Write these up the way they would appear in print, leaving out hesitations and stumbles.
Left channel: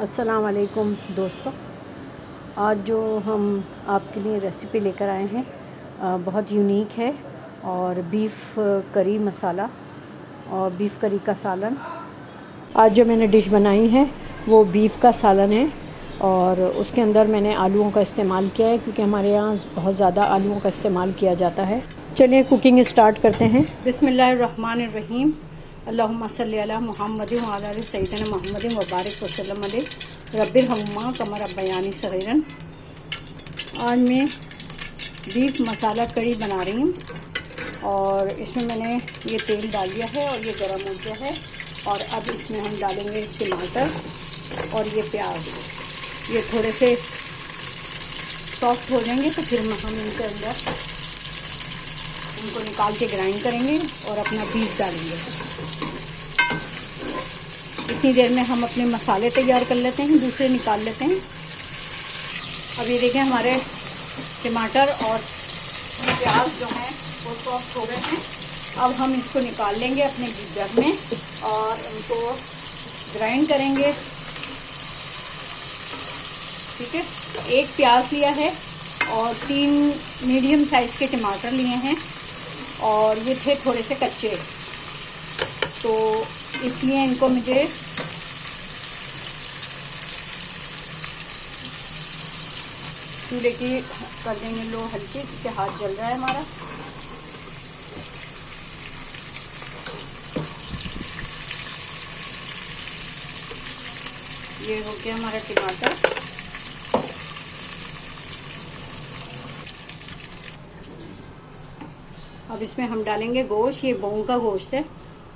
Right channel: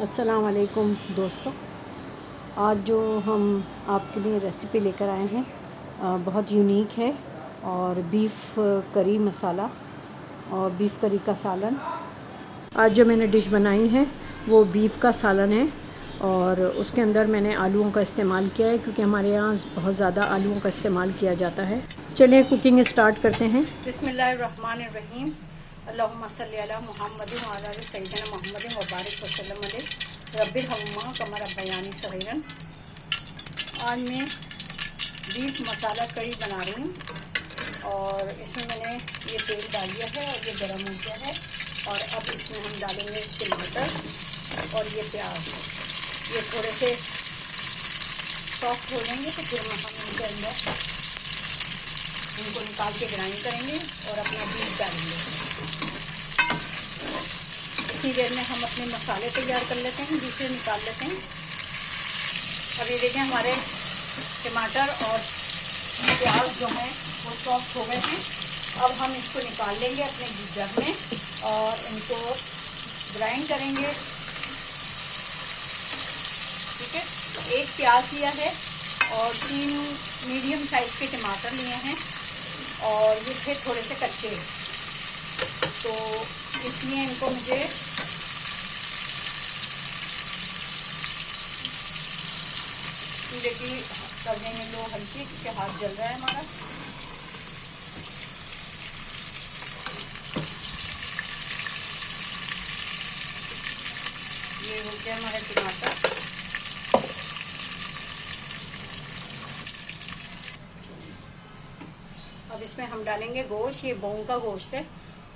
अस्सलाम वालेकुम दोस्तों। आज जो हम आपके लिए रेसिपी लेकर आए हैं बहुत यूनिक है और बीफ करी मसाला और बीफ करी का सालन। आज जो मैंने डिश बनाई है वो बीफ का सालन है और उसके अंदर मैंने आलूओं का इस्तेमाल किया है क्योंकि हमारे यहाँ बहुत ज़्यादा आलूओं का इस्तेमाल किया जाता है। चलिए कुकिंग स्टार्ट करते हैं। बिस्मिल्लाहिर्रहमानिर्रहीम। अल्लाहुम्मा सल्ली अला मुहम्मद व अला आलि सय्यिदना मुहम्मद व बारिक वसल्लम अलैहि रब्बिरहम्हुमा कमा रब्बयानी सगीरन। आज मैं बीफ मसाला कड़ी बना रही हूँ और इसमें मैंने ये तेल डाल दिया है और ये गरम हो गया है। और अब इसमें हम डालेंगे टमाटर और ये प्याज। ये थोड़े से सॉफ्ट हो जाएंगे तो फिर हम इनके अंदर इनको निकाल के ग्राइंड करेंगे और अपना बीफ डालेंगे। इतनी देर में हम अपने मसाले तैयार कर लेते हैं, दूसरे निकाल लेते हैं। अब ये देखें हमारे टमाटर और प्याज जो हैं वो सॉफ्ट हो गए हैं। अब हम इसको निकाल लेंगे अपने जग में और इनको ग्राइंड करेंगे। ठीक है, एक प्याज लिया है और 3 मीडियम साइज़ के टमाटर लिए हैं और ये थे थोड़े से कच्चे, तो इसलिए इनको मुझे चूल्हे की कर देंगे लो हल्की, क्योंकि हाथ जल रहा है हमारा। ये हो गया हमारा टमाटर। अब इसमें हम डालेंगे गोश्त। ये बहू का गोश्त है,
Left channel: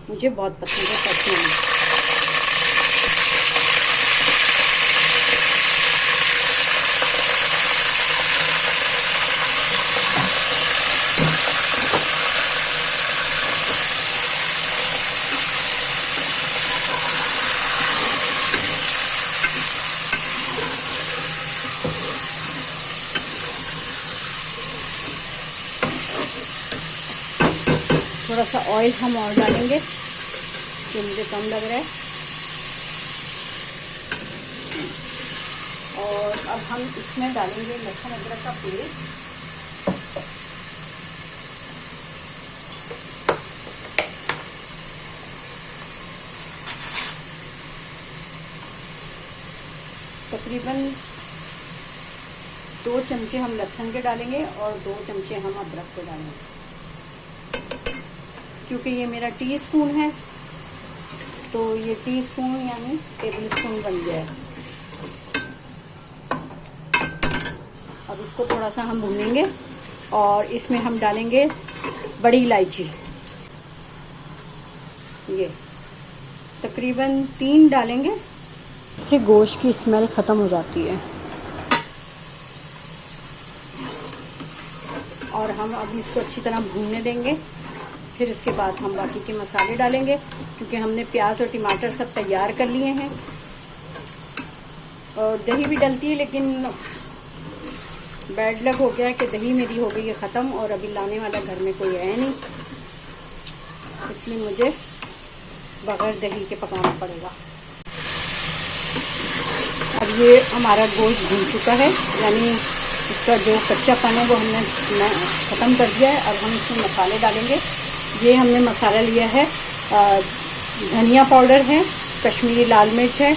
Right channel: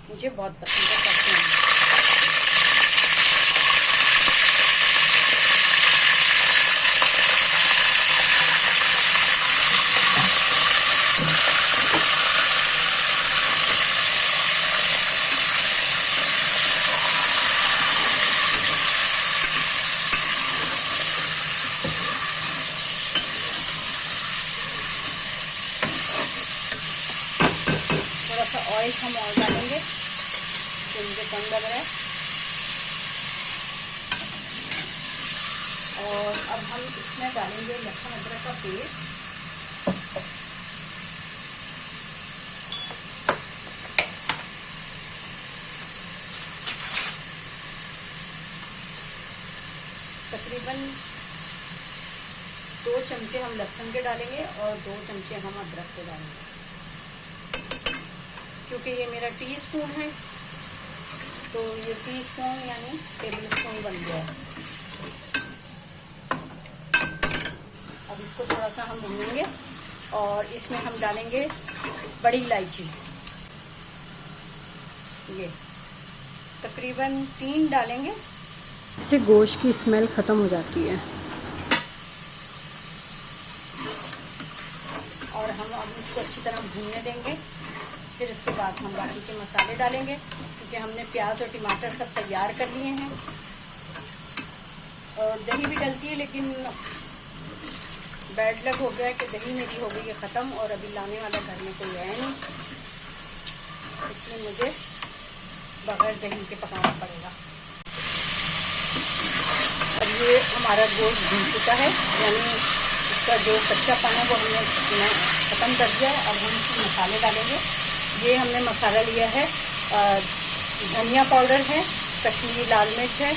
मुझे बहुत पसंद है, करती हूँ। थोड़ा सा ऑयल हम और डालेंगे, ये मुझे कम लग रहा है। और अब हम इसमें डालेंगे लहसुन अदरक का पेस्ट। तकरीबन 2 चमचे हम लहसुन के डालेंगे और 2 चमचे हम अदरक के डालेंगे। क्योंकि ये मेरा टीस्पून है तो ये टीस्पून यानी टेबलस्पून बन गया है। अब इसको थोड़ा सा हम भूनेंगे और इसमें हम डालेंगे बड़ी इलायची। ये तकरीबन 3 डालेंगे, इससे गोश्त की स्मेल ख़त्म हो जाती है। और हम अब इसको अच्छी तरह भूनने देंगे। फिर इसके बाद हम बाकी के मसाले डालेंगे, क्योंकि हमने प्याज और टमाटर सब तैयार कर लिए हैं। और दही भी डलती है, लेकिन बैड लक हो गया कि दही मेरी हो गई है ख़त्म और अभी लाने वाला घर में कोई है नहीं, इसलिए मुझे बगैर दही के पकाना पड़ेगा। अब ये हमारा गोश्त भून चुका है, यानी इसका जो कच्चापन है वो हमने ख़त्म कर दिया है। अब हम इसमें मसाले डालेंगे। ये हमने मसाला लिया है, धनिया पाउडर है, कश्मीरी लाल मिर्च है,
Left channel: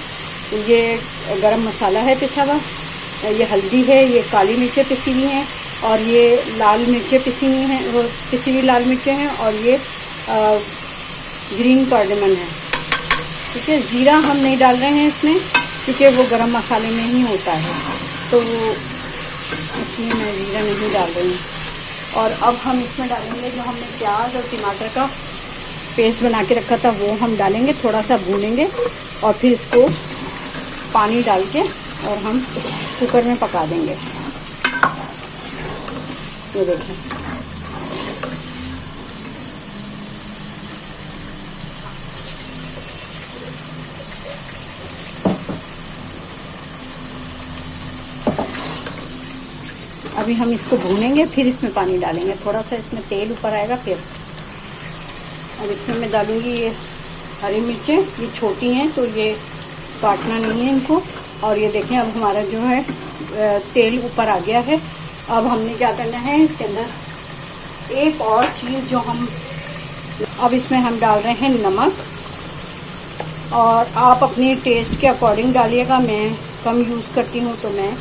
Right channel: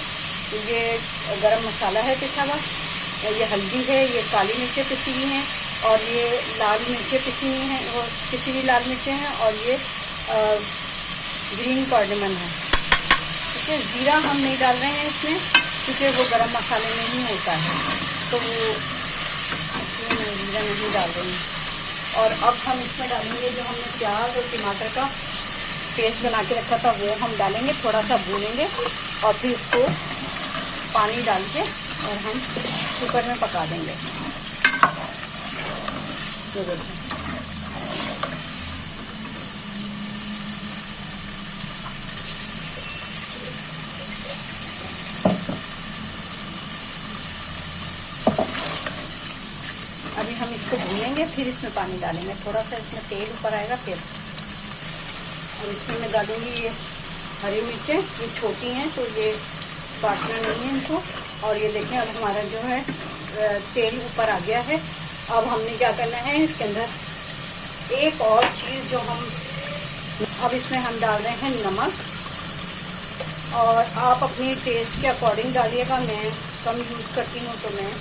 ये गरम मसाला है पिसा हुआ, ये हल्दी है, ये काली मिर्चें पिसी हुई हैं और ये लाल मिर्चें पिसी हुई हैं, वो पिसी हुई लाल मिर्चें हैं और ये ग्रीन कार्डमन है। ठीक है, ज़ीरा हम नहीं डाल रहे हैं इसमें क्योंकि वो गरम मसाले में ही होता है, तो वो इसमें मैं ज़ीरा नहीं डाल रही हूँ। और अब हम इसमें डालेंगे जो हमने प्याज और टमाटर का पेस्ट बना के रखा था वो हम डालेंगे, थोड़ा सा भूनेंगे और फिर इसको पानी डाल के और हम कुकर में पका देंगे। ये देखें, अभी हम इसको भूनेंगे, फिर इसमें पानी डालेंगे। थोड़ा सा इसमें तेल ऊपर आएगा फिर। और इसमें मैं डालूंगी ये हरी मिर्चें, ये छोटी हैं तो ये काटना नहीं है इनको। और ये देखें अब हमारा जो है तेल ऊपर आ गया है। अब हमने क्या करना है, इसके अंदर एक और चीज़ जो हम अब इसमें हम डाल रहे हैं नमक, और आप अपने टेस्ट के अकॉर्डिंग डालिएगा। मैं कम यूज़ करती हूँ तो मैं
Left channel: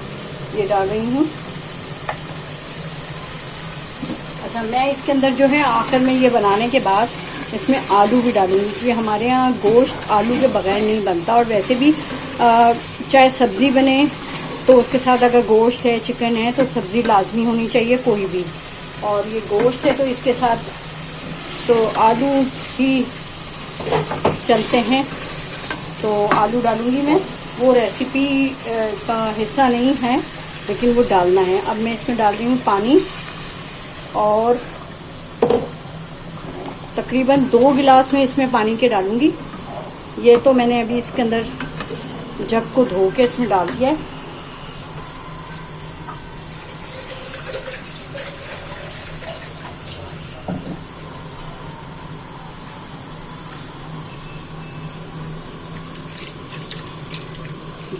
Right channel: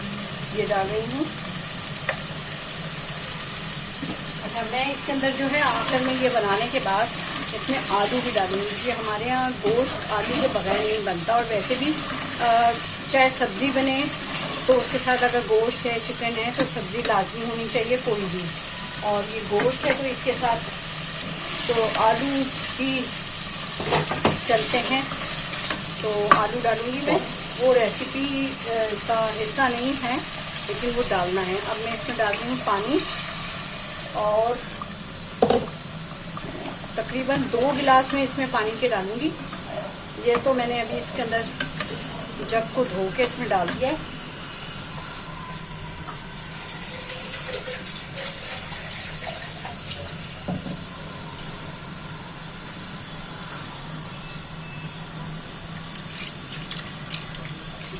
ये डाल रही हूँ। अच्छा, मैं इसके अंदर जो है आखिर में ये बनाने के बाद इसमें आलू भी डालूंगी, क्योंकि हमारे यहाँ गोश्त आलू के बगैर नहीं बनता। और वैसे भी चाहे सब्ज़ी बने तो उसके साथ अगर गोश्त है, चिकन है, तो सब्ज़ी लाजमी होनी चाहिए कोई भी। और ये गोश्त है तो इसके साथ तो आलू ही चलते हैं, तो आलू डालूंगी मैं। वो रेसिपी का हिस्सा नहीं है, लेकिन वो डालना है। अब मैं इसमें डाल रही हूँ पानी, और तकरीबन 2 गिलास में इसमें पानी के डालूंगी। ये तो मैंने अभी इसके अंदर जग को धो के इसमें डाल दिया है।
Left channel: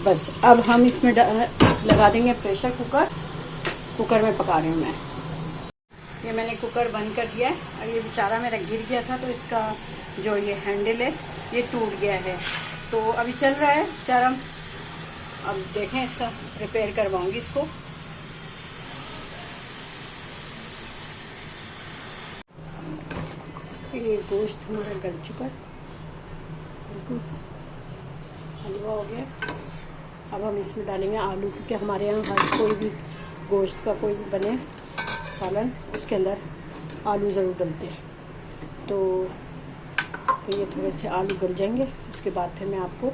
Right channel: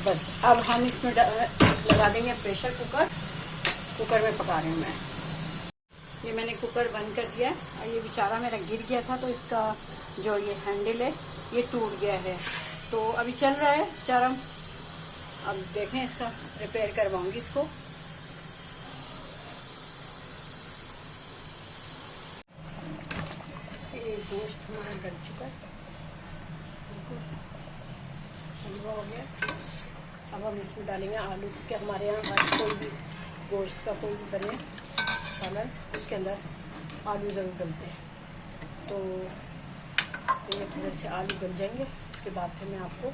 बस अब हम इसमें लगा देंगे प्रेशर कुकर। कुकर में पका रही हूँ मैं। ये मैंने कुकर बंद कर दिया है, और ये बेचारा मेरा गिर गया था तो इसका जो ये हैंडल है ये टूट गया है, तो अभी चल रहा है बेचारा। अब देखें, इसका रिपेयर करवाऊंगी इसको। ये गोश्त हमारा गल चुका है, हलवा हो गया। अब हम इसमें डालेंगे आलू, क्योंकि हमारे यहाँ कोई भी गोश्त का कोई भी बने सालन, उसके अंदर आलू ज़रूर डलते हैं। तो ये थोड़े से आलू गल जाएंगे, उसके बाद फिर मैं आपको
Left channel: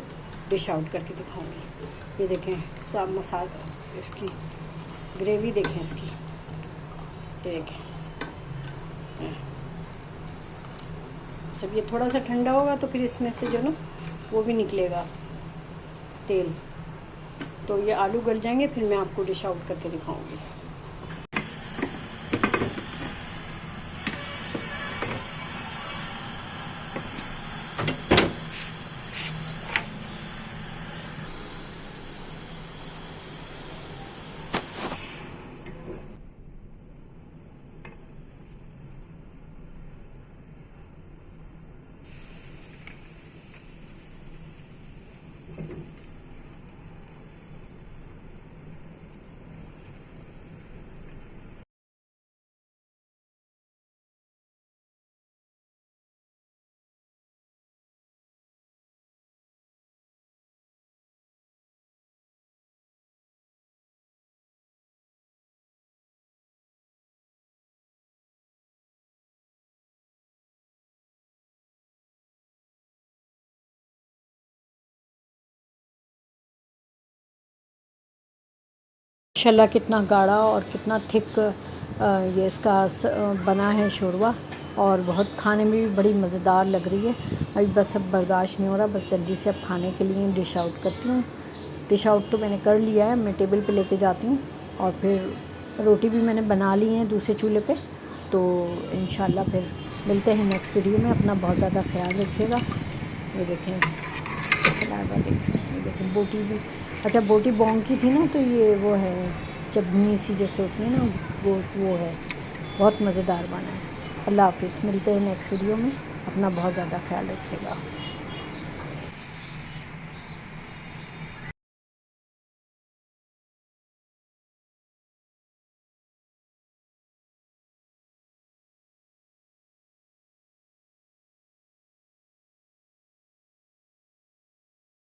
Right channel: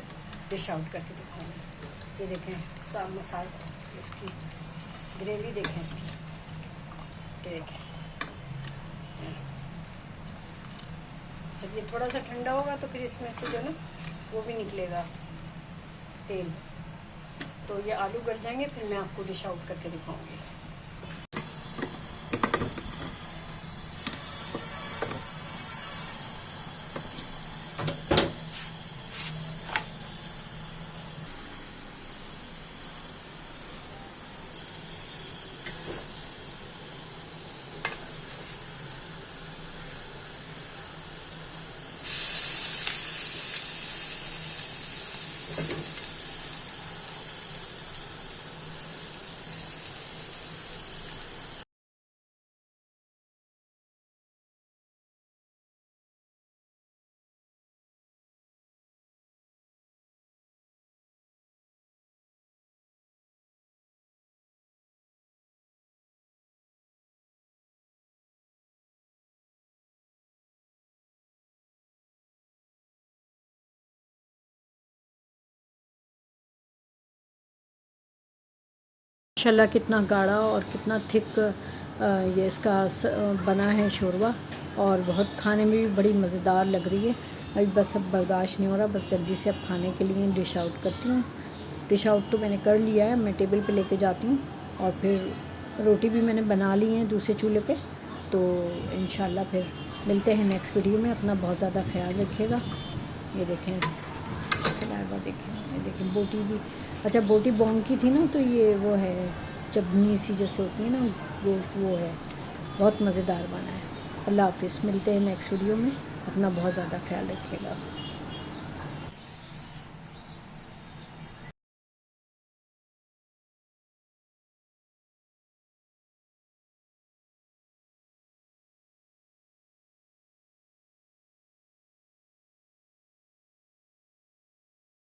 डिश आउट करके दिखाऊंगी। ये देखें सब मसाला, इसकी ग्रेवी देखें इसकी, ये देखें। सब ये थोड़ा सा ठंडा होगा तो फिर इसमें से जो ना वो भी निकलेगा तेल, तो ये आलू गल जाएंगे, फिर मैं आपको डिश आउट करके दिखाऊंगी। माशाल्लाह कितना गाढ़ा और कितना थिक ये इसका बना है शोरबा, और बहुत खाने में भी बड़ी मज़ेदार लग रही है। अभी बस अब बर्दाश्त नहीं हो रहा, बस जल्दी से अब खाने के लिए डिश आउट करती हूँ। डिश आउट तो मैंने कर लिया है, मैं टेबल पे लेके जाती हूँ। और फिर रोटी भी मैंने बना ली है दूसरे चूल्हे पे। तो इंशाल्लाह फिर मिलते हैं नेक्स्ट वीडियो में। अपना बहुत ज़्यादा ख्याल रखिएगा। ये देखें सलाइवा, देखें, ये देखें बोटी भी। अच्छा, बोटी बोंग की थी ना, तो ये वो है चटनी सी जैसे होती है ना वो है, बहुत मज़ेदार बना है। अल्लाह हाफिज़, मिलते हैं नेक्स्ट वीडियो में। अपना बहुत ज़्यादा ख्याल रखिएगा।